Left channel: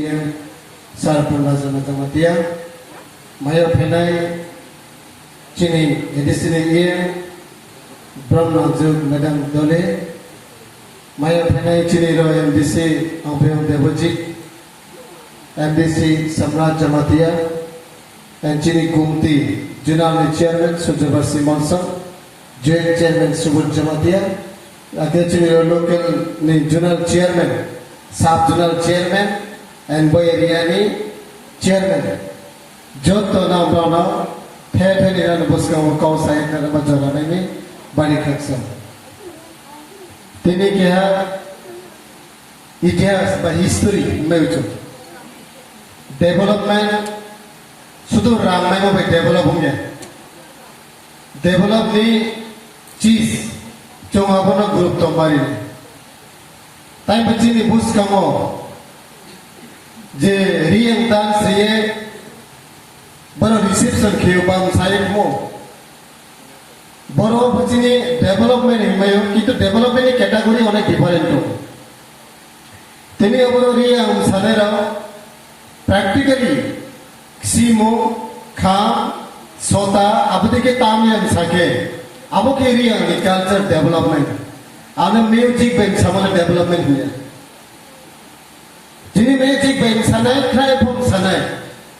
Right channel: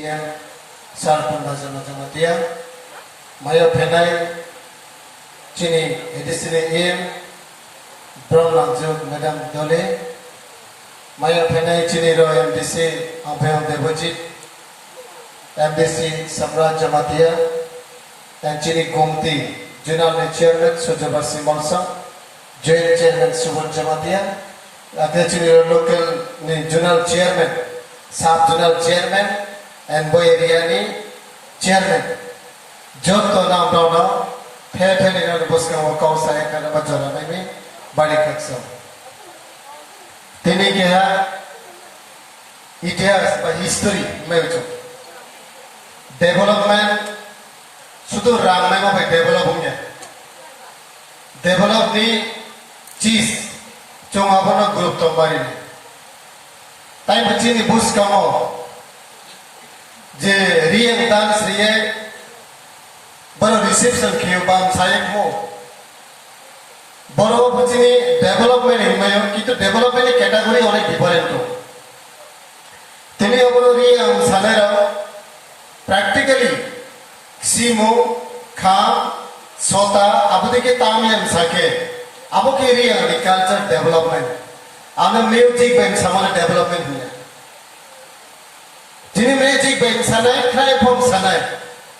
yang sarpanga jama dia mayo phenai chini edisire em brahmanjut madam dole mayo phenai chini ro MDC ampayam devojit MDC samrat jamatia and chini gomti junal chairman Sujabar Simalsa joint chairman Subur jamatia ada chini local ni junal chairman sub junal chairman and boy Riani chairman joto nam rona phe ni ran busga kau saya kana bajara ni bari khaksa tini ke इतिहास বা history मेउचो development सुधु Ramayan में develop होंगे develop ni चीज जो मापना group तो बारी time बच्चे ने बुश कामो जे रियल डांस रिये बरो रिसेप्शन कियो बाम साइक मो बरो बच्चे ने डेवलपमेंट है मैं कि तो डेवलपमेंट की कैटेगरी और डिफरेंट हो तेरे बरो रिये हम साले रो प्रैक्टिकली सीमो खाम सोता अब देखे तामियम साके अब के रिये कल्चर डेवलपमेंट आना म्यूजिक बैंक सामान डेवलपमेंट हुआ जिन्हें म्यूजिक बैंक सनाय खाए फॉर्म सनाय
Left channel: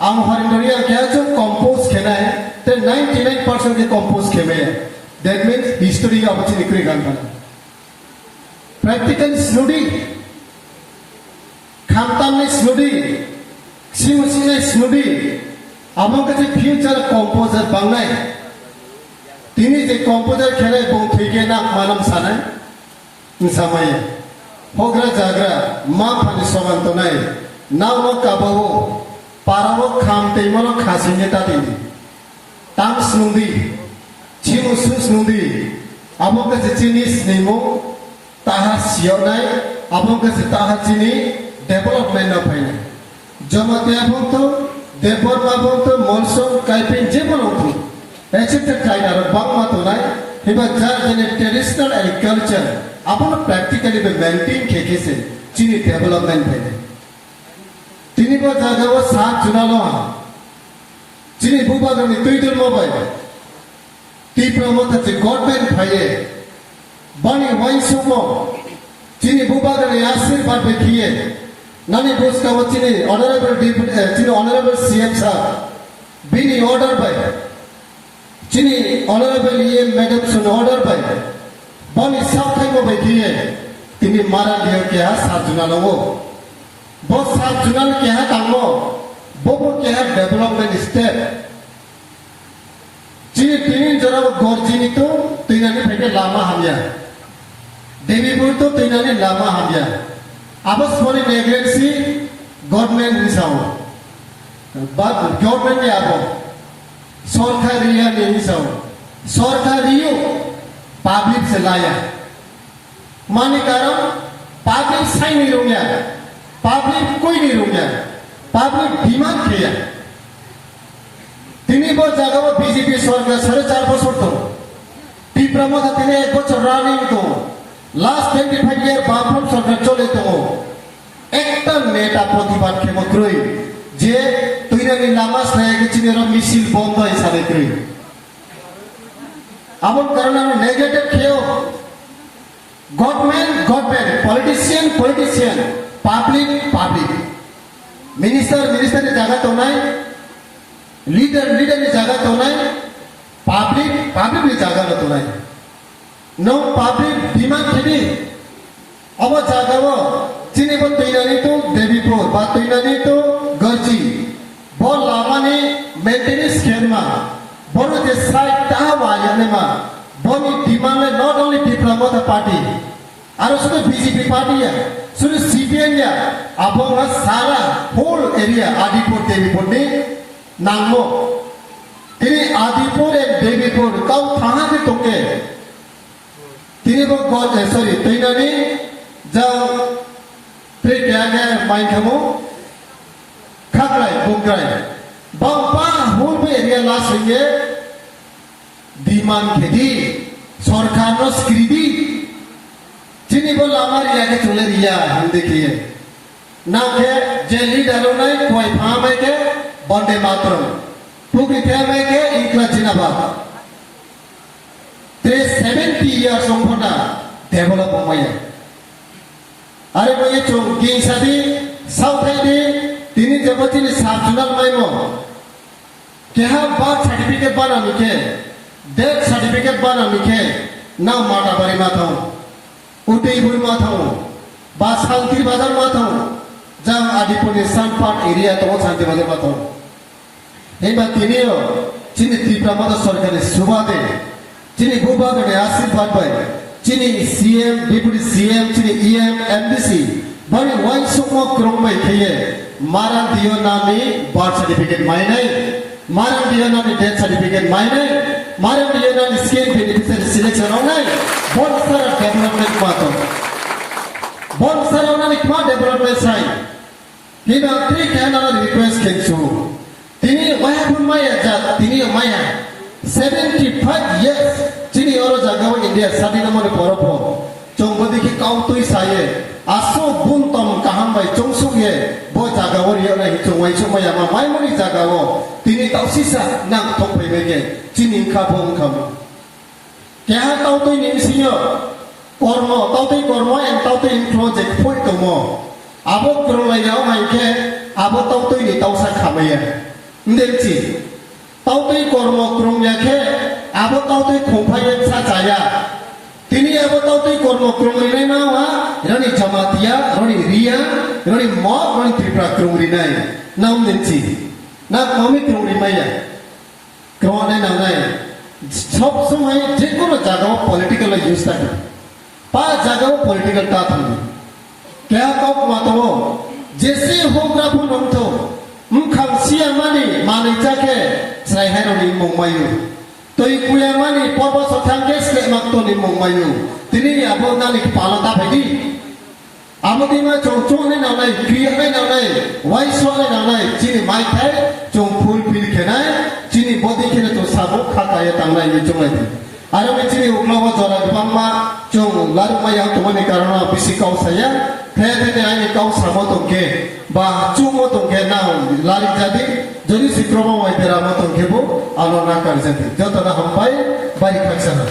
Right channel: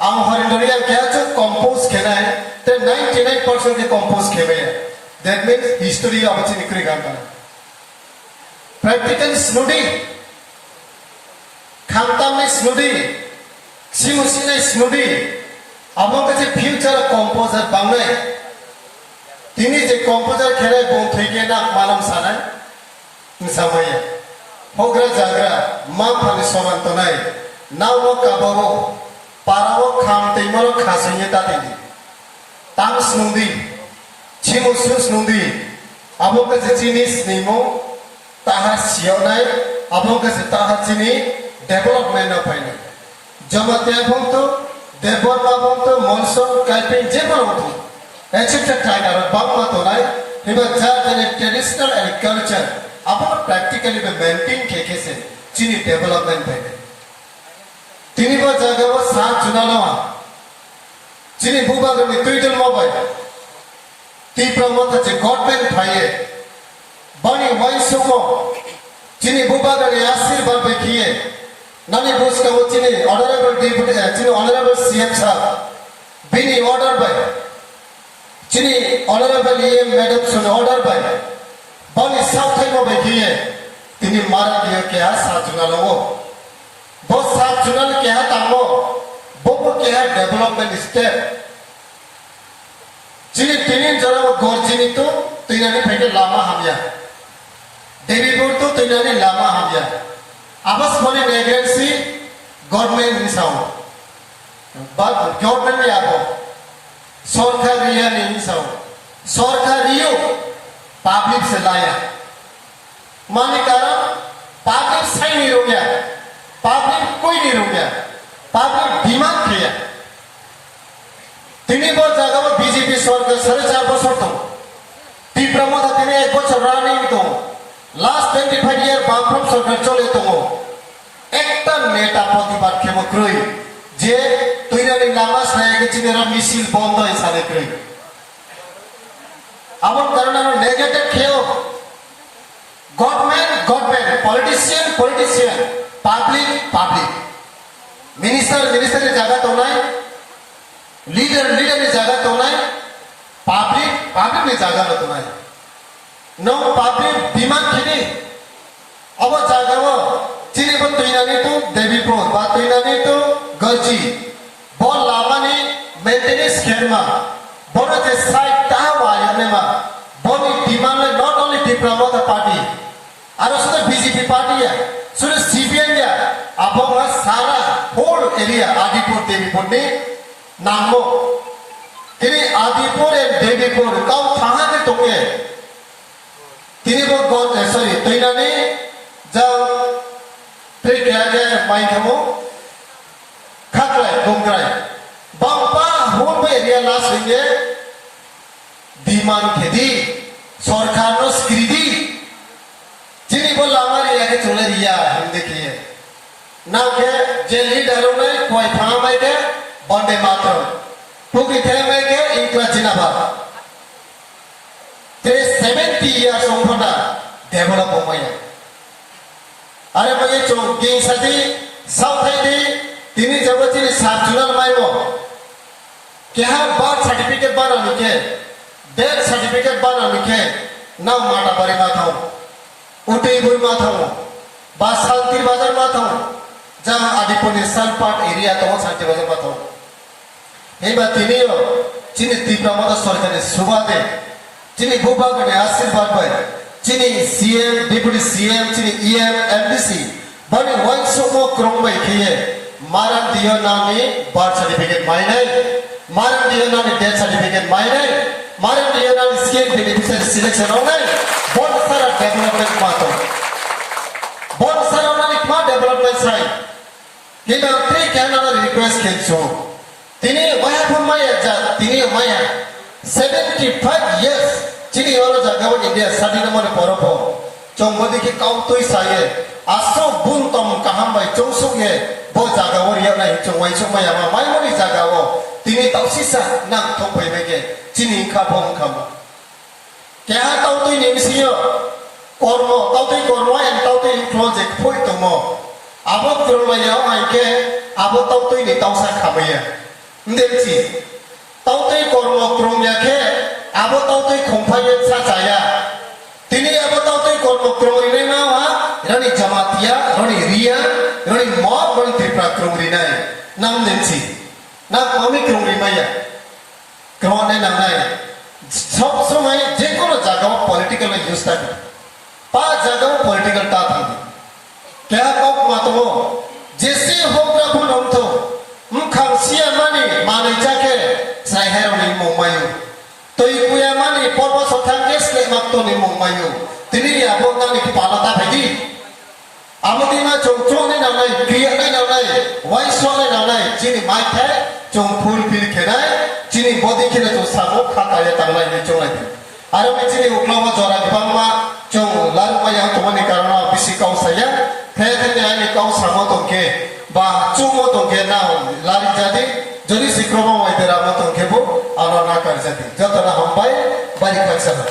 आम हरिंदरिया क्या जो कंपोज खेला है तो 99% के कंपोज खेले हैं that means history अब अच्छी निकली गान बना practical स्नूडी खामता में स्नूडी सीउसी ने स्नूडी अब लोग कैसे फ्यूचर कंपोजर बंगे तीनी जे कंपोजर खेले बहुत ठीक है ना मालूम साना मिसामाया होगरा जागरा मां परिश्रम तो नहीं नावो काबावो पारावो खामते मरो खासिने तातेंजी ताम स्नूदी चिमु स्नूदी अब लोग कैसे चीनी स्नीमो ताहा सियोनाय अब लोग कैसे ताहा चीनी डेवलपमेंट न पाइने जमात्या बोंतो देवबर्मा बोंतो मॉन्सून काइपिंग जेबर बोंतो ऐसे टाइगर बांग मत हो रहा है हिबा जार ट्रेडिशनल एग्रीकल्चर अपन प्रैक्टिकली में मेंटेन के से चीनी डेवलपमेंट है तीनी बार जगह वो सात चुनाव चीनी बुबा में ट्विटर मोबाइल ती प्रमोद अच्छे गवर्नमेंट भाई बनी वैसोमो चीनी बुबा में आशीर्वाद देखिए नानी बोस का वो चीनी ऑनरेबल डिप्टी चीनी ऑनरेबल सीएम साहब बिनी ऑर्डर बाय चीनी honourable EM madam soon order by बनी सब थे वो देखिए तिनी मारा दिया क्या सात जुनल वो बहुत सात जुनल क्या है तामो वो क्या है डेवलपमेंट स्टेप चीनी तिनी जरा वो गोरचीनी तो तिनानी फेंके लामा हमिया देवीपुर तो तिनानी Lama हमिया abas mone negency government risau bad government ni abo sorkariya ni risau sorkariyo public se laya mane karon public sai ni rogya public koi ni rogya public demand kiya tini bo jaga ma BJP sorkar 4.5 বছর to ti pramod tini 1 বছর running to last 25 year बापरम सरकार चले तो एकटा नेता प्रतिबाद खेमो क्रय जे तैरानि नामाज Nike चिनेरा missile बन्द है सारे क्रय आमन कारण नेगेटिव खेयो गवर्नमेंट पॉलिटिशियन पब्लिक मिनिस्टर जगह तो नहीं लीडर जगह तो नहीं पब्लिक ने जगह तो नहीं नो पब्लिक डिमांड खेली अब जागा वो चीनी बन तैनानी तो देवीपुर बात तैनानी तो गलची बोल लामानी मेंटेनेंस खेरमा बोलो जे साइड टावा याने मा बोली डिमांड ले not only the promote party आरो सुधे बीजेपी पार्टी है सुधे सीपीएम या अब वो सारा होल एरिया आदिपुर देवीपुर ने नामो तेरी आदिपुर एंड देवीपुर कौ थाना भी तोगे तीन बार गॉड सॉरी तैनानी जब फिर क्या क्या माइंड हमो खाकलाय गुंगराय बांपा होल पे एरिया लास्ट होंगे डिमांड खेती सरकार नो स्क्रीडी जिन्हीं बोल हमारे यहाँ के चले रिया हम देखिए ना के जे लीडर ने कोई फामा के बंदे मातरम पुगी थे में के इनका जिनाबा ते 70 years ओंफना डेवलप हो मये अरे मये चो गिंग सदी साउथ आइडी तिनी जबती ने सात जुलान मायमो क्या बर्थ सर्टिफिकेट बना निके डेथ सर्टिफिकेट बना निके ना माटा बारी माथाऊ उठी बुई माथाऊ बा शांति बाजार माथाऊ जहाँ आदिपुर सनपाट एरिया तो शांति बाजार माथाऊ हे बा तिनी रो चिनी तीव्र मत सरकारी सुबादे चिनी बुबा गणे आशीर्वाद बाय चिनी सीएम डिप्टी सीएम चिनी ईएम एमडीसी बने वंशों को क्रम बाय किए मारन दियो नामी बर्थ सर्टिफिकेट मायने मारन दियो नामी डेथ सर्टिफिकेट मायने मारन दियो नामी स्किल बेनिफिशियरी सिलेक्शन होने बहुत सारा डेवलपमेंट मातो बहुत सारा नामी क्या डेवलपमेंट साइन kita tri kana request kencho tini maya phamaya ja tini maya 75 years chini oro jagao india sadi namone poropo chongbodi ki kautoi saye aso bun tom kaham bai chongsuge bo jagao ria nai chongwai chomaya ma mai moni jagao tini tausisa nang thongpai bege chini kha bom kham kya tautoi nimsiyo kormo tautoi kormo en tautoi project phoi tomo abot krumaya maike abot tautoi ni tausa khamaya ndemchi tautoi kormo krumya ke abot tautoi khongphai sa jaya tini abot tautoi kormo krumri na ha rani jamatia rani ria rani mob rani tripura krumri nai nam ndemchi na mami krumri maya krone nam nai সব সময় যে কোনো জায়গা political use থাকে পা জায়গা political তা থাকে क्या कब मातो जैसे हो प्रभु नमतो मुखांसिया माने माने जाके साहेरोनी मोमायु तो इकुया माने पबो सथांके स्ले मक्तोनी मोमायु तिनी आबो नानि पालता भाई आबोदिमा चोंचोने नालाय क्रिया नाय नालाय वाइसोने नालाय चिनी माइ थाय चों फुल फिल खेनाय चिनी बदि खेना चों साबो खाताय तांलाय नि चोंलाय आरो बे चिनी उग्लावा जरा गबांमा चों लारमाया तोनि कारण बिसि काउसाया Kaya ay ikaw sa mo tongke ba chumo tongke na lari jadi jadi si kromo may dera mo tongke bo ala na kar jadi joto na hampay balik kagsana